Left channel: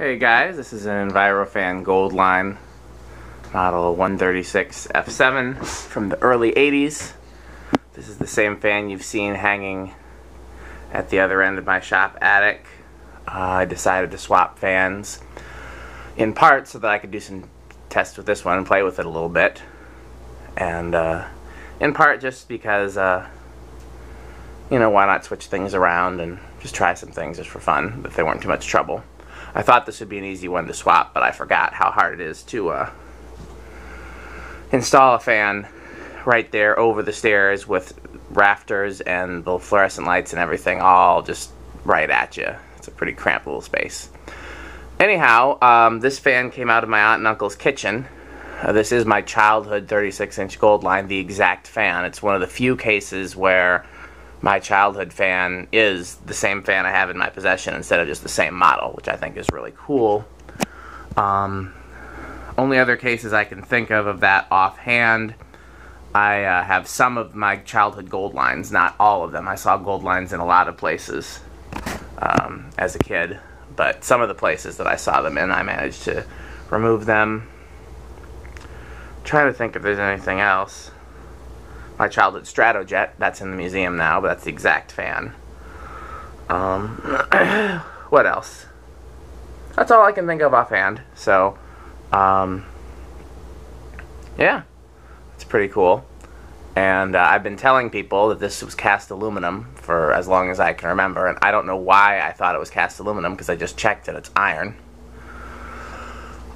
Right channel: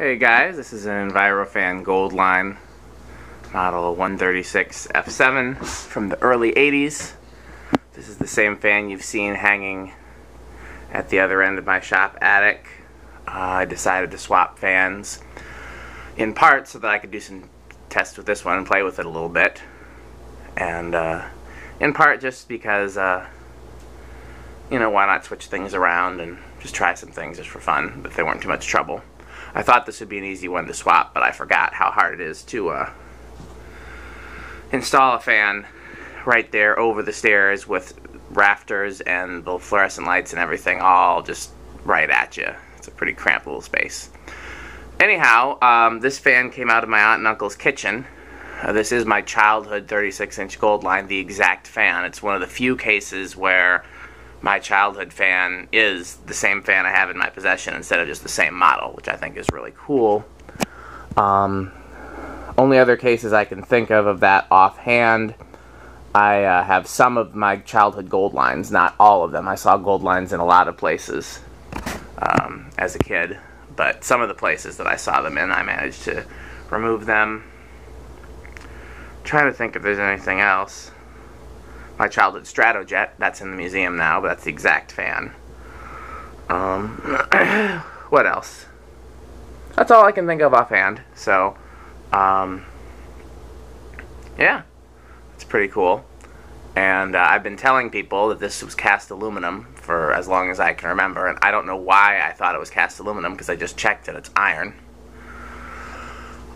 Hey guys, this is an Envirofan Gold Line model 136F-7 from the early 80s. This is the same fan you've seen hanging at the other end of my shop attic. I decided to swap fans in part so that I could do some tests with this one and play with it a little bit, and in part just because you know, why not switch things around and just try some things just for fun if they weren't too much trouble. I thought this would be an easy one to swap, but I forgot how hard it is to install a fan right there over the stairs with rafters and the fluorescent lights and everything all just right at you. It's a pretty cramped little space. Anyhow, this fan came out of my aunt and uncle's kitchen. This is my childhood 36-inch Gold Line, the exact fan. It's one of the few cases where my childhood fan is the same fan I have in my possession instead of just the same model, which I think is really cool. Only other cases I can think of that offhand, I have some of my childhood Gold Lines, not all of them. I saw Gold Lines in a lot of places as a kid, but some of the places that I saw them in, I managed to remove them. I'm trying to think if there's anything else. My childhood Stratojet, that's in the museum now, but that's the exact fan. What else? That's all I can think of offhand. So, yeah, it's pretty cool. And I've been telling people that this was cast aluminum for as long as I can remember, and I don't know why I thought it was cast aluminum, because I just checked it, it's iron.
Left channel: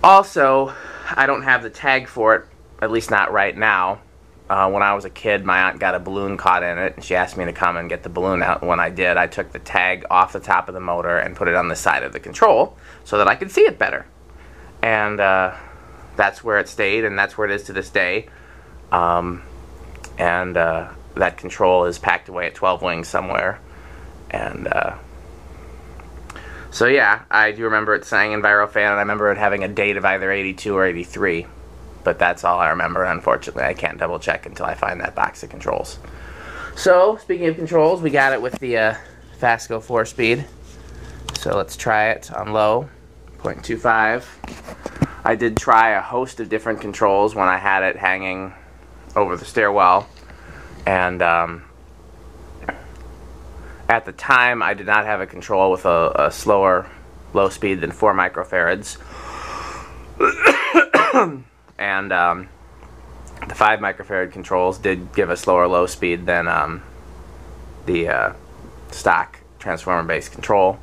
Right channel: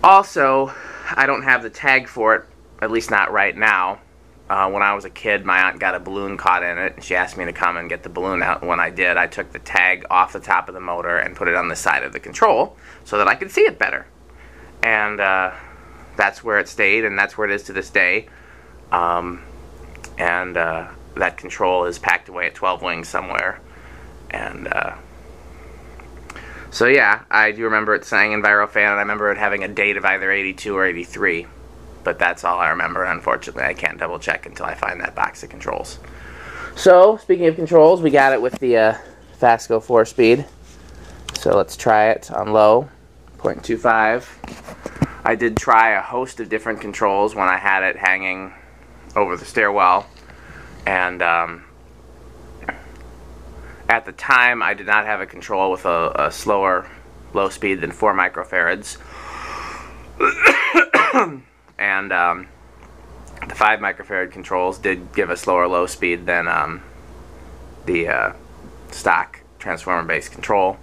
Also, I don't have the tag for it, at least not right now. When I was a kid, my aunt got a balloon caught in it, and she asked me to come and get the balloon out. And when I did, I took the tag off the top of the motor and put it on the side of the control so that I could see it better. And that's where it stayed, and that's where it is to this day. That control is packed away at 12 Wings somewhere. And so yeah, I do remember it saying Envirofan, and I remember it having a date of either 82 or 83. But that's all I remember, and unfortunately I can't double check until I find that box of controls. So, speaking of controls, we got it with the Fasco floor speed. So let's try it on low, 0.25. I did try a host of different controls when I had it hanging over the stairwell, and at the time I did not have a control with a slower low speed than 4 microfarads. And the 5 microfarad controls did give a slower low speed than the stock transformer-based control,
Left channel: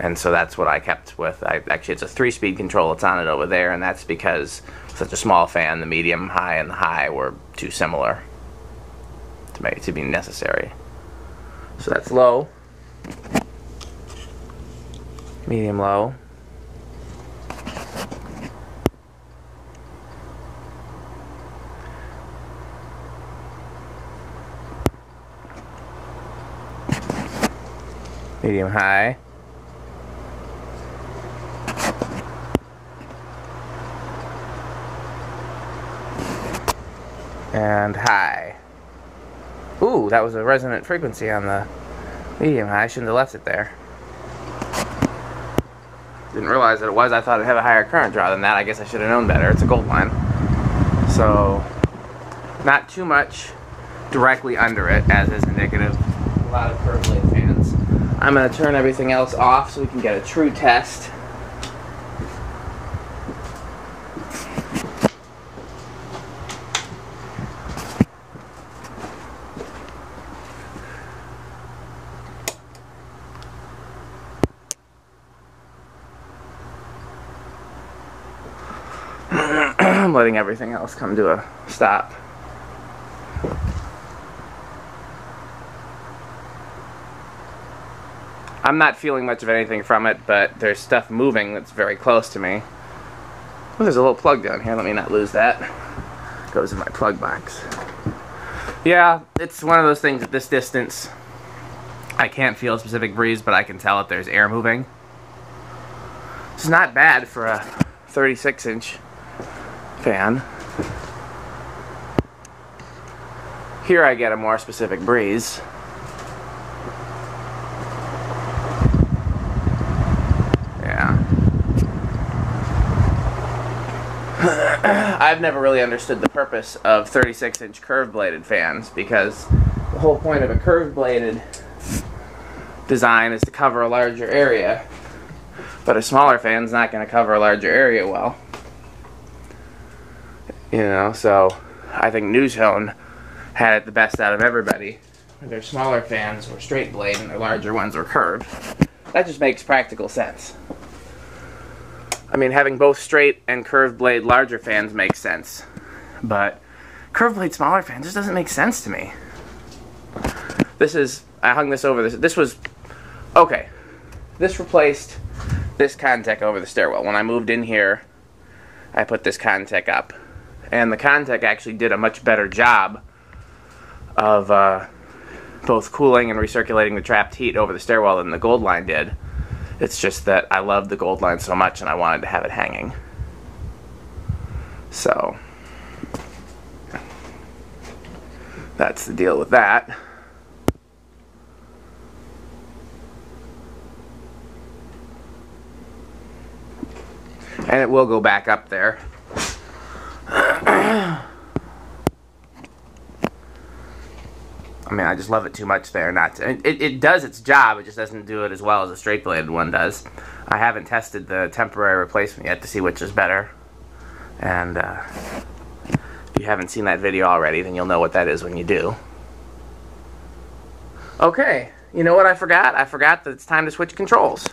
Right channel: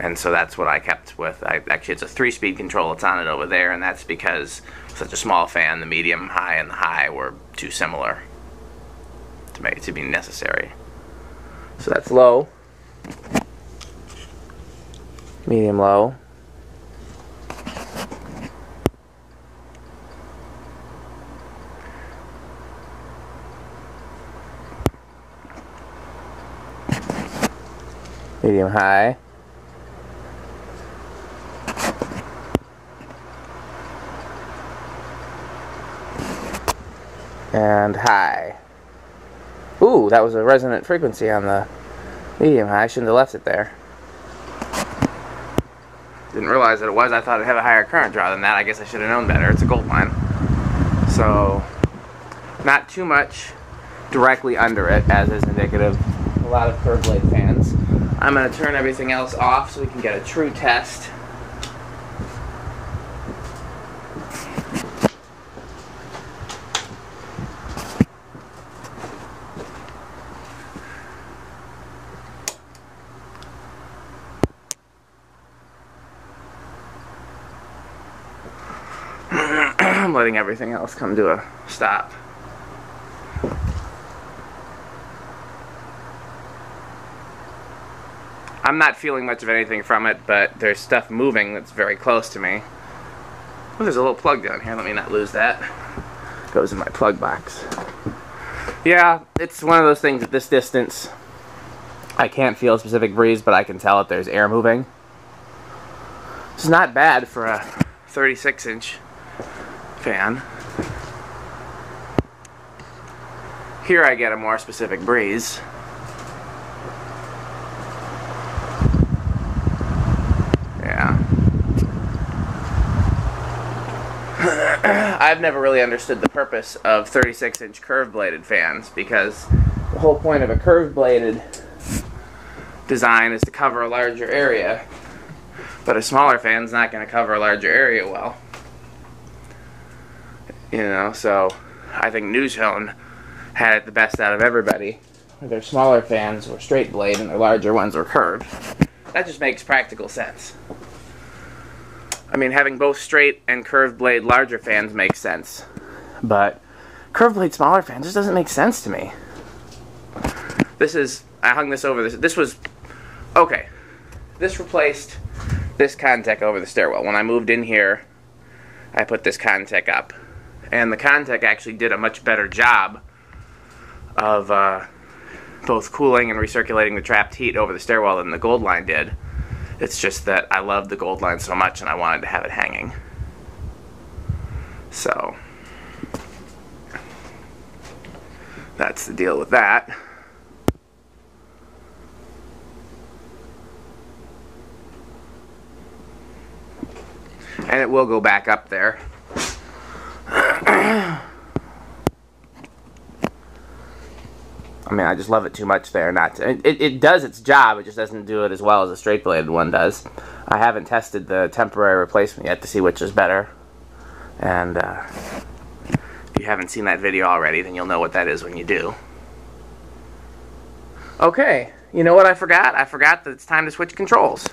and so that's what I kept with. Actually, it's a 3-speed control. It's on it over there, and that's because such a small fan, the medium, high, and the high were too similar to make it to be necessary. So that's low, medium, low. Medium high, and high. Ooh, that was a resonant frequency on the medium high. I shouldn't have left it there. Didn't realize that it was. I thought it'd have a higher current draw than that. I guess I should have known better. It's a Gold Line. So, not too much directly under it, as is indicative of a lot of curved blade fans. I'm going to turn everything else off so we can get a true test. I'm letting everything else come to a stop. I'm not feeling much of anything from it, but there's stuff moving that's very close to me. Oh, there's a little plug down here. Let me not lose that. It goes in my plug box. Yeah, it's one of those things at this distance. I can't feel a specific breeze, but I can tell if there's air moving. It's not bad for a 36-inch fan. Here I get a more specific breeze. I've never really understood the purpose of 36-inch curved-bladed fans, because the whole point of a curved-bladed design is to cover a larger area, but a smaller fan's not going to cover a larger area well. You know, so I think Nutone had it the best out of everybody. Their smaller fans were straight blade and their larger ones were curved. That just makes practical sense. I mean, having both straight and curved blade larger fans makes sense, but curved blade smaller fans just doesn't make sense to me. I hung this over this was, okay, this replaced this Contec over the stairwell. When I moved in here, I put this Contec up, and the Contec actually did a much better job of both cooling and recirculating the trapped heat over the stairwell than the Gold Line did. It's just that I love the Gold Line so much and I wanted to have it hanging. So, that's the deal with that. And it will go back up there. I mean, I just love it too much there not to. It does its job, it just doesn't do it as well as a straight-bladed one does. I haven't tested the temporary replacement yet to see which is better. And if you haven't seen that video already, then you'll know what that is when you do. Okay, you know what I forgot? I forgot that it's time to switch controls.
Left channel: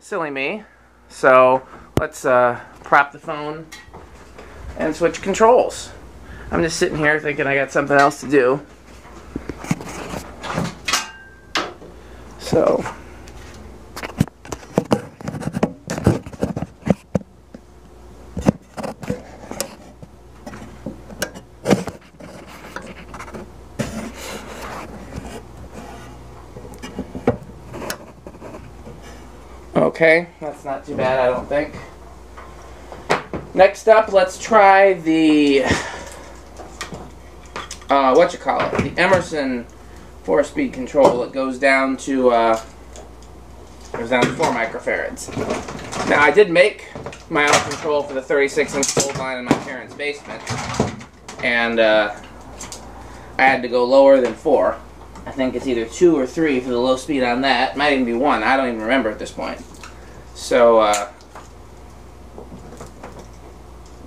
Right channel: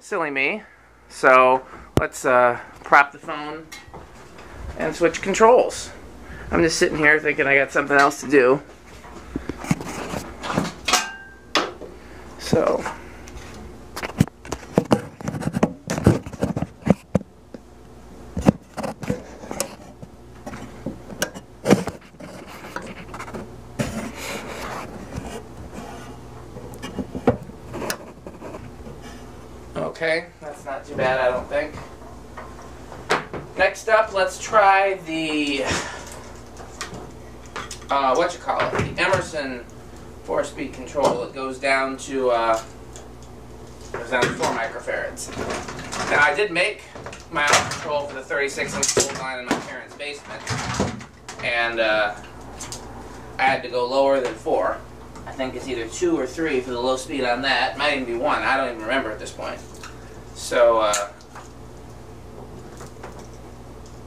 Silly me. So, let's prop the phone and switch controls. I'm just sitting here thinking I got something else to do. So, okay, that's not too bad, I don't think. Next up, let's try the, the Emerson 4-speed control. It goes down to 4 microfarads. Now, I did make my own control for the 36-inch Gold Line in my parents' basement, and I had to go lower than 4. I think it's either 2 or 3 for the low speed on that. It might even be 1. I don't even remember at this point. So,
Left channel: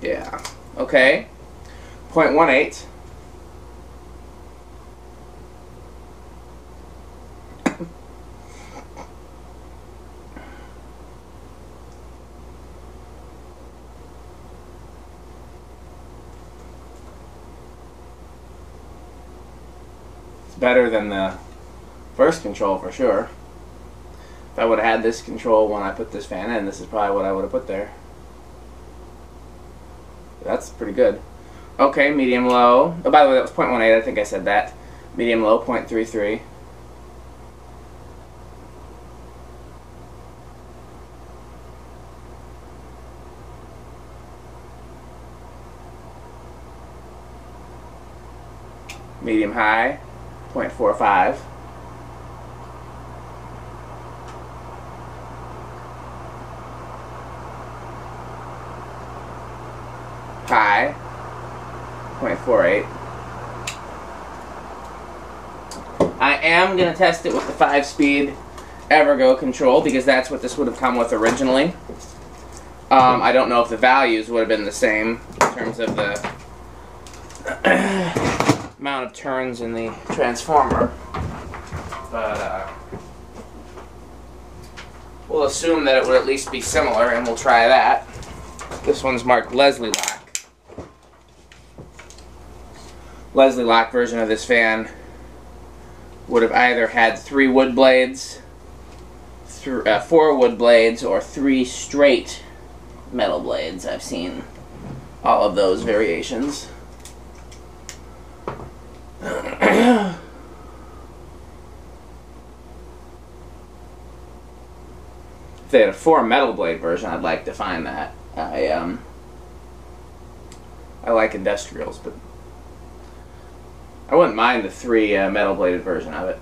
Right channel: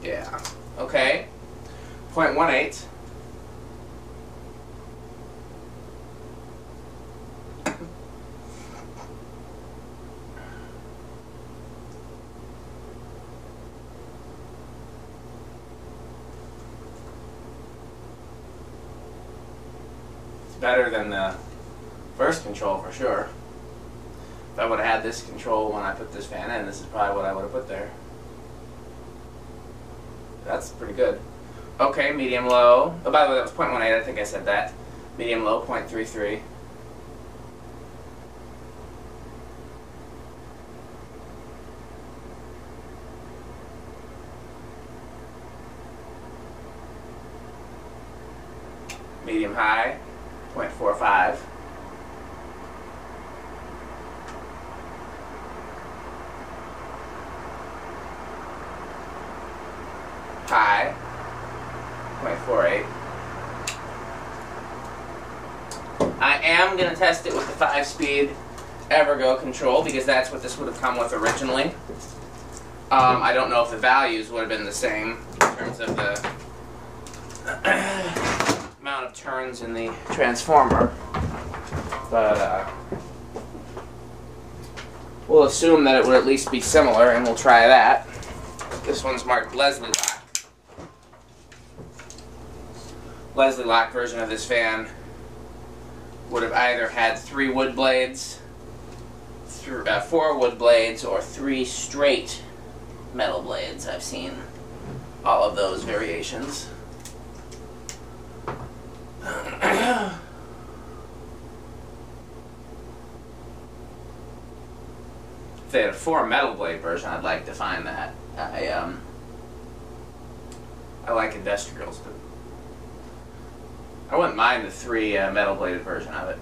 yeah. Okay. 0.18. Better than the first control for sure. If I would have had this control when I put this fan in, this is probably what I would have put there. That's pretty good. Okay, medium low. Oh, by the way, that was 0.18. I think I said that. Medium low, 0.33. Medium high, 0.45. High, 0.48. I am going to test it with the 5-speed Evergo control because that's what this would have come with originally. I don't know if the values would have been the same in terms of the amount of turns in the transformer, but we'll assume that it would at least be similar, and we'll try that. This one's marked Leslie Lock. Leslie Lock version of this fan would have either had 3 wood blades, 4 wood blades, or 3 straight metal blades. I've seen all of those variations. If they had a 4 metal blade version, I'd like to find that. I like industrials, but I wouldn't mind the 3 metal bladed version of it.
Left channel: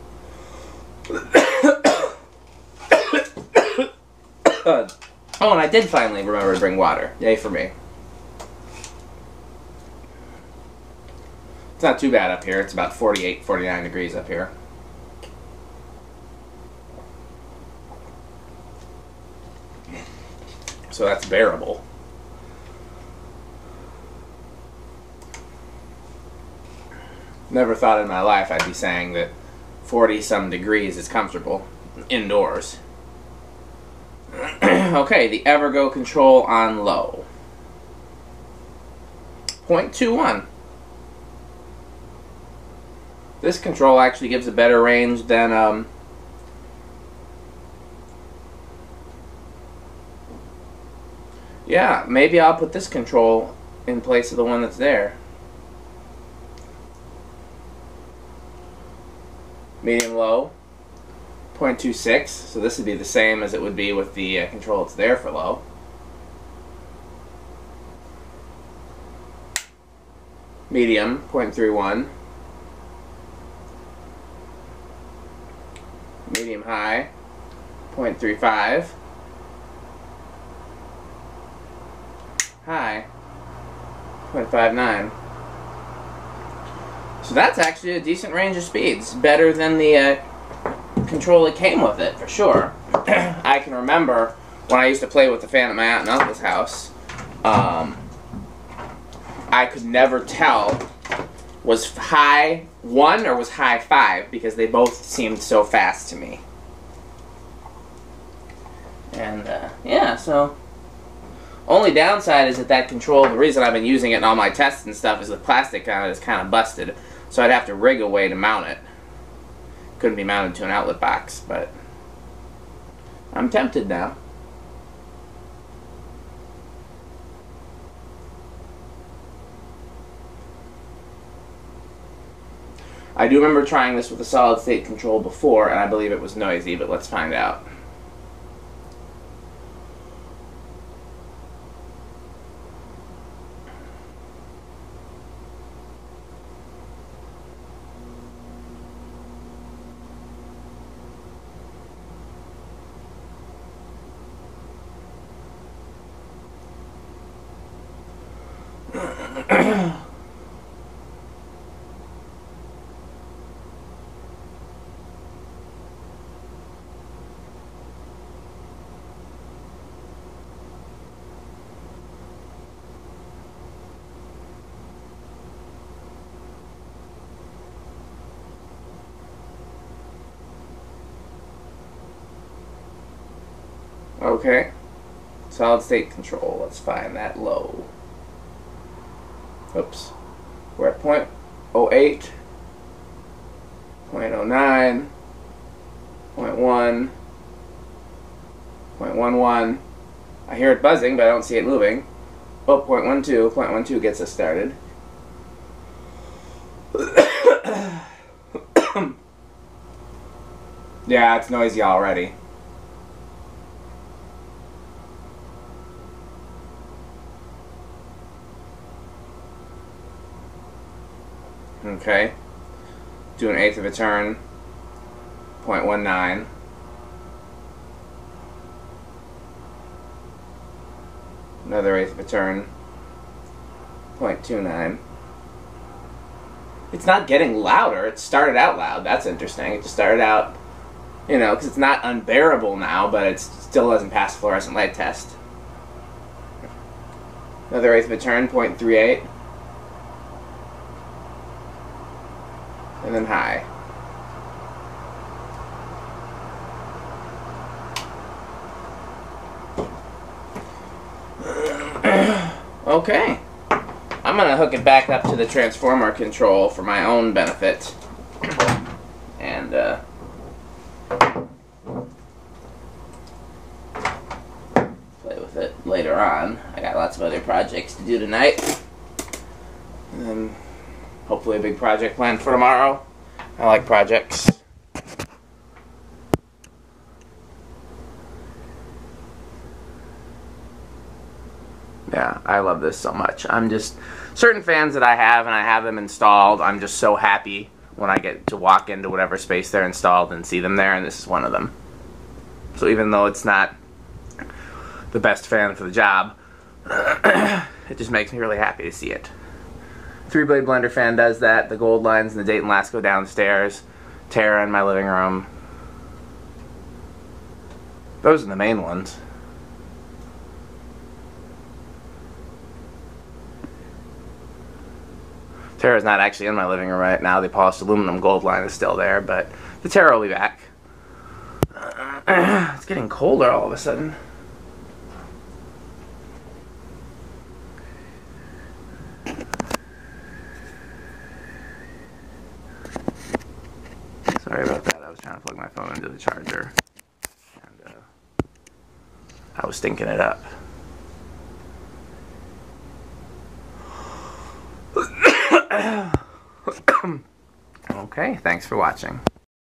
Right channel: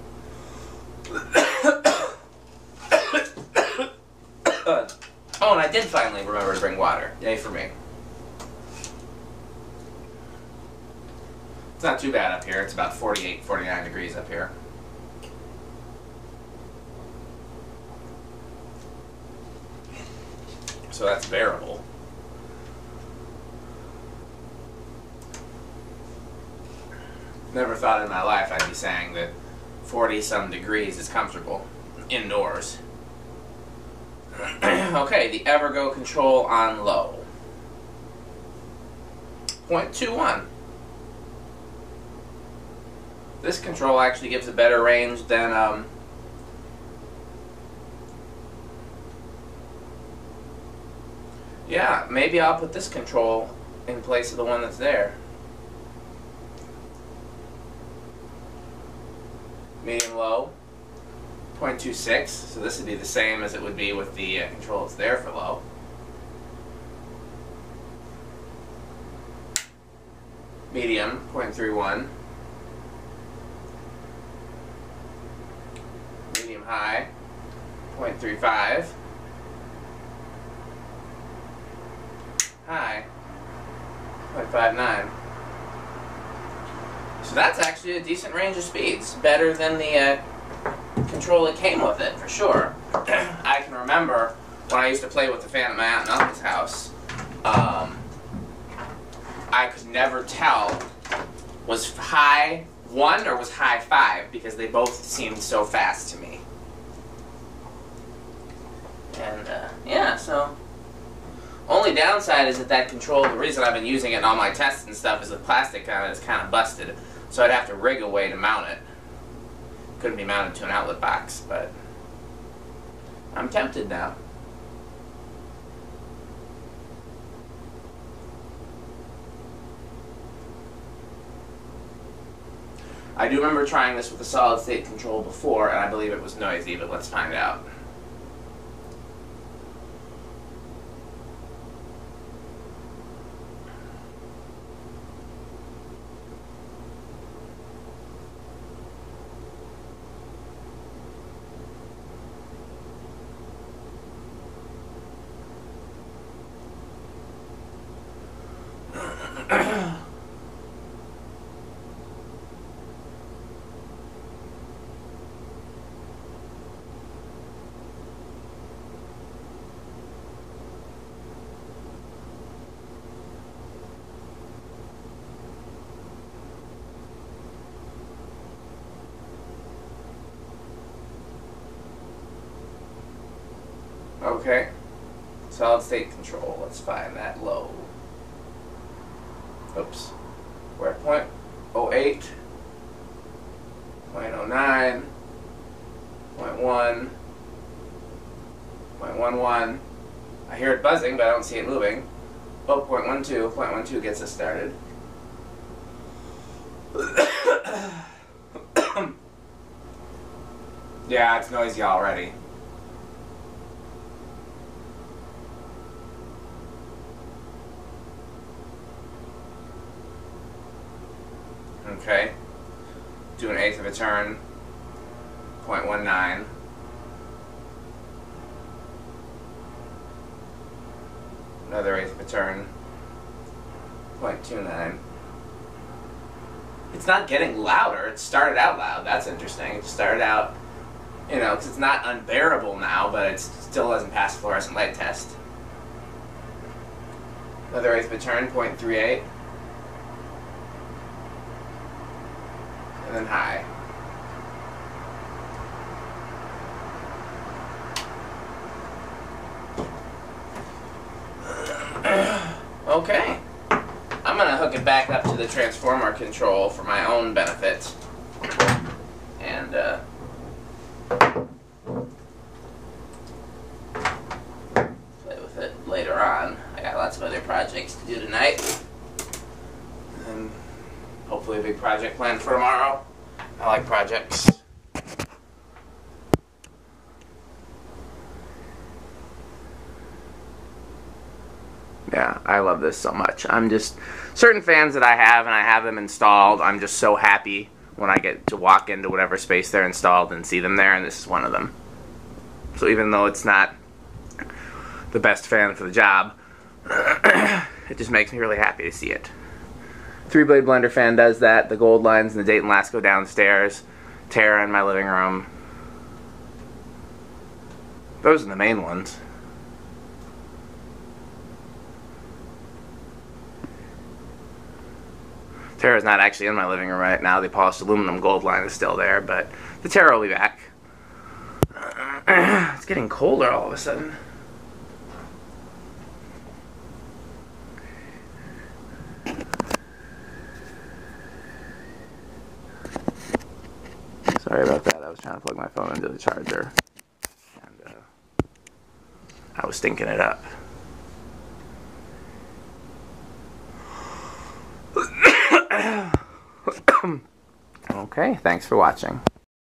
Oh, and I did finally remember to bring water. Yay for me. not too bad up here. It's about 48, 49 degrees up here. So that's bearable. Never thought in my life I'd be saying that 40-some degrees is comfortable indoors. Okay, the evergo control on low. 0.21. This control actually gives a better range than yeah, maybe I'll put this control in place of the one that's there. Medium low, 0.26, so this would be the same as it would be with the control that's there for low. Medium, 0.31. Medium high, 0.35. High, 0.59. So that's actually a decent range of speeds. Better than the control that came with it, for sure. I can remember when I used to play with the fan at my aunt and uncle's house, I could never tell was high 1 or was high 5 because they both seemed so fast to me. And, yeah, so only downside is that control, the reason I've been using it in all my tests and stuff is the plastic on it is kind of busted. So I'd have to rig a way to mount it. Couldn't be mounted to an outlet box, but I'm tempted now. I do remember trying this with a solid state control before, and I believe it was noisy, but let's find out. Okay, solid state control, let's find that low. Oops, we're at 0.08, 0.09, 0.1, 0.11. I hear it buzzing, but I don't see it moving. Oh, 0.12, 0.12 gets us started. Yeah, it's noisy already. Okay, do an eighth of a turn, 0.19. Another eighth of a turn, 0.29. It's not getting louder. It started out loud. That's interesting. It just started out, you know, because it's not unbearable now, but it still doesn't pass fluorescent light test. Another eighth of a turn, 0.38. And then high. Okay. I'm going to hook it back up to the transformer control for my own benefit. And, play with it later on. I got lots of other projects to do tonight. And hopefully a big project planned for tomorrow. I like projects. Yeah, I love this so much. I'm just, certain fans that I have, and I have them installed, I'm just so happy when I get to walk into whatever space they're installed and see them there, and this is one of them. So even though it's not the best fan for the job, it just makes me really happy to see it. 3-blade blender fan does that. The Gold Lines and the Dayton last go downstairs. Terra in my living room. Those are the main ones. Terra's not actually in my living room right now. The polished aluminum Gold Line is still there, but the Terra will be back. It's getting colder all of a sudden. Sorry about that. I was trying to plug my phone into the charger, and I was stinking it up. Okay, thanks for watching.